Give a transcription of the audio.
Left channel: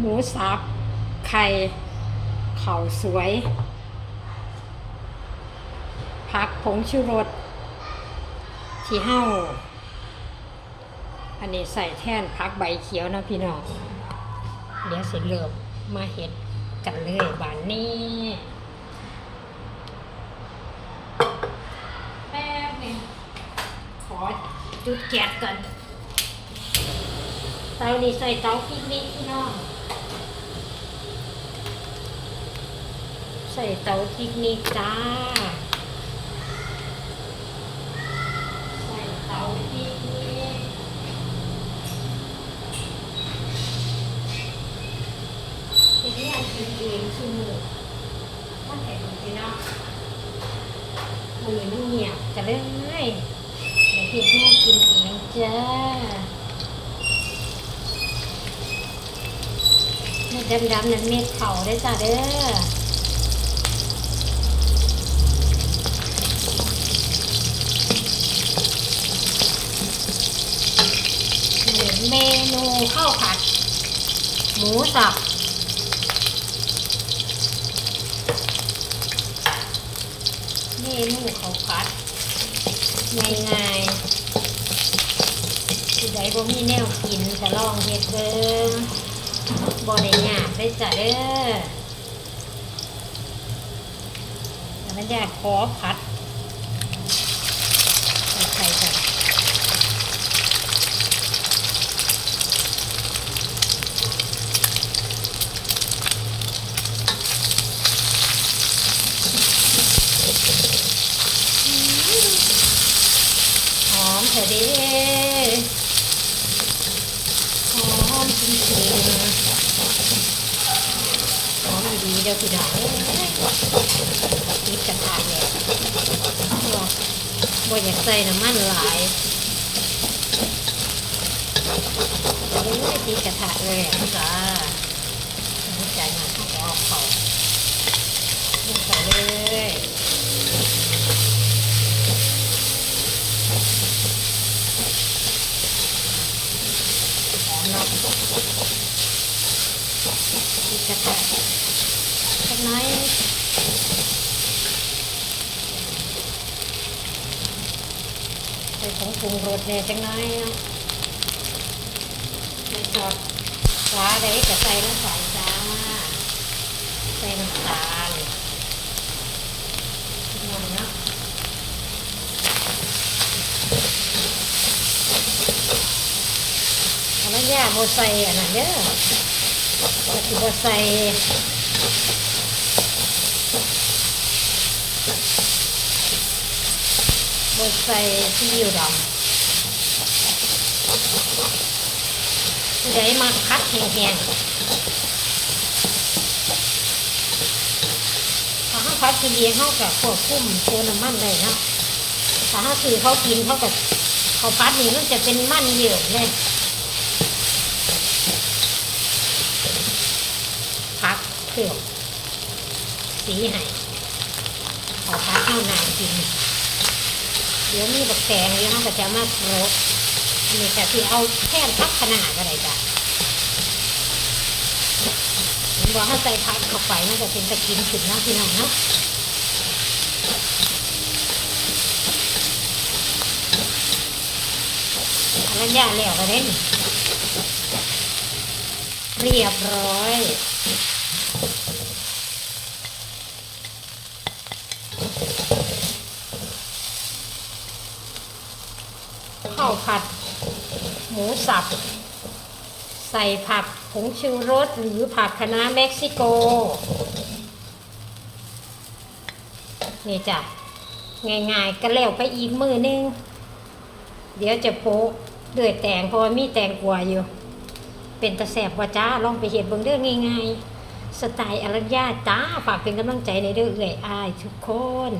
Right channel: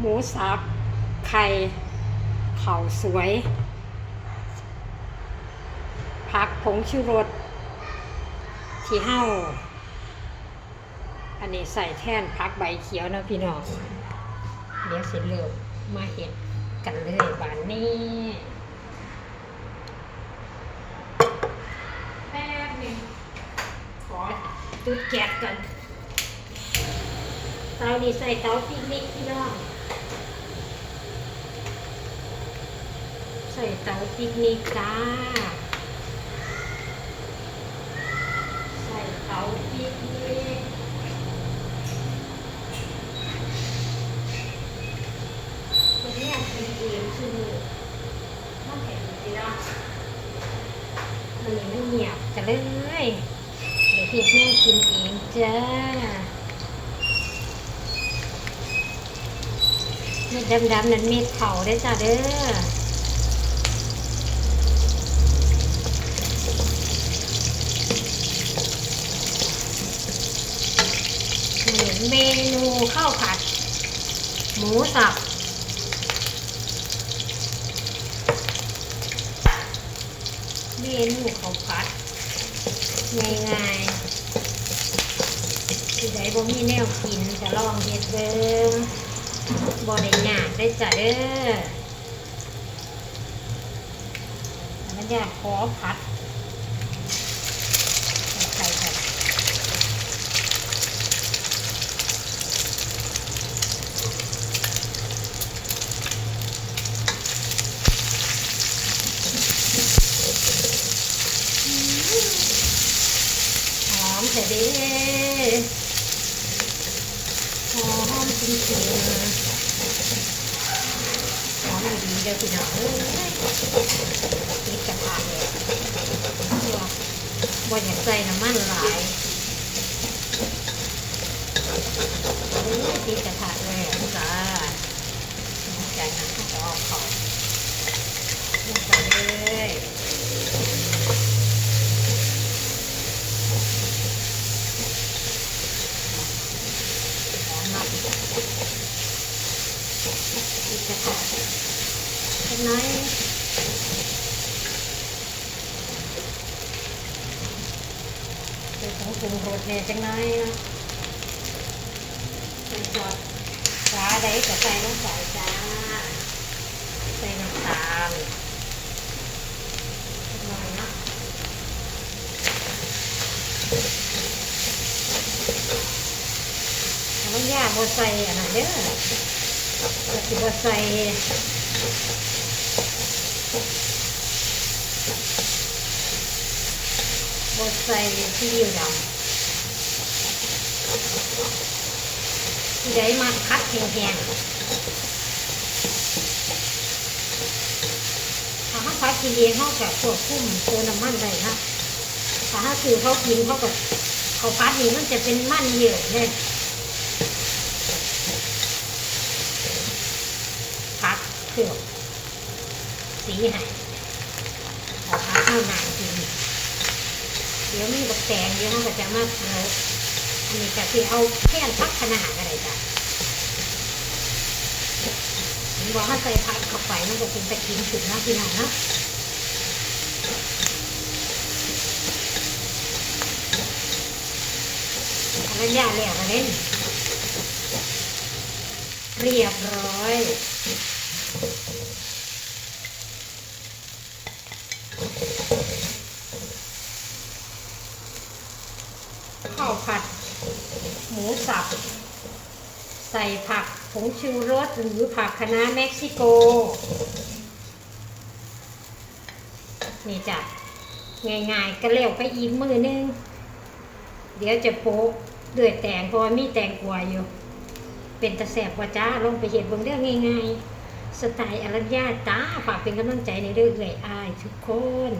หมูสับ ไข่เข่าสวย ผักผงชูรสที่เห้า อันนี้ใส่แท่นผักใบเขียวนะพี่น้อง เดี๋ยวสิเริ่มมาเห็ดกันเลยบานนี้แป๊บนึงขอจุดแก๊สกันเตานี่ใส่เตาปิกนิกพี่น้อง ใส่เตาปิกนิกจ้า ใส่เตาปิกนิกเป็นเนี่ยกินเองคือหมูมาแข่งพี่น้องมันนี่มันเงียบจะเลยเดี๋ยวพี่แม่กินเองจ้าเม็ดดำๆนั่นเม็ดเผาได้จ้าเด้อ เมนูข้าวผัด หมูสับ เมนูข้าวผัดง่ายๆผู้ใดบ่มีแนวกินจะลองเฮ็ดเบิ่งบ่ได้ยากได้จ้ะเด้อแล้วอยากขอผัดใส่กัน หอมเถอะเด้หอมจริงๆหอมดีๆเด้อพี่น้องนี่จะขาดเลยบ่อยากใส่น้ำมันหลายโอ้ยตีกระทะเลยจ้าน้ำใจนะถ้าจะเอาเขาลงไปเลย หอมมากตีกระทะสักน้อยใส่ผงปรุงรสเนี่ยจังน้อยเนาะไม่ชอบฟ้าใดก็ใส่ลงไปจ้าใส่น้ำตาลหน่อยเนาะ อันนั้นย่าโบใส่อันนั้นเด้อก็คือบใส่โบใส่ที่อยู่ดำผู้ใดมาคัดแห้งๆถ้าเขากินเองเขากับควบคุมตัวน้ำมันได้นะถ้าเขาซื้อเขากินเขากับเขาพัดนี่มันจะเป็นมันเยอะเลย พัดเผือกสีหายขาพัดข้าวนานกินเดี๋ยวมีบักแตงเดี๋ยวเขาก็จะมาโรสอันนี้ก็คือเอาแค่พักขนาดอะไรจ้ะมันบอกให้ใส่พักเข้าไปมันก็เป็นตะกินขึ้นเนาะพี่น้องเนาะอันนั้นย่างแล้วก็ได้นี่เรียบร้อย ข้าว ผัด หมูสับ ใส่ผักผงชูรสหรือผักคะน้าเม็กซิโก นี่จ้ะง่ายๆก็แล้วไปอีกมือนึง เดี๋ยวจะโป๊ะเดือดแตงเพราะว่ามีแตงกวาอยู่ เป็นตะแสบว่าจ้าลองไปเห็ดเบิ่งเรื่องง่ายๆสไตล์อรัญญาจ้าฝากเป็นกำลังใจในเรื่องเอื่อยอายทุกคน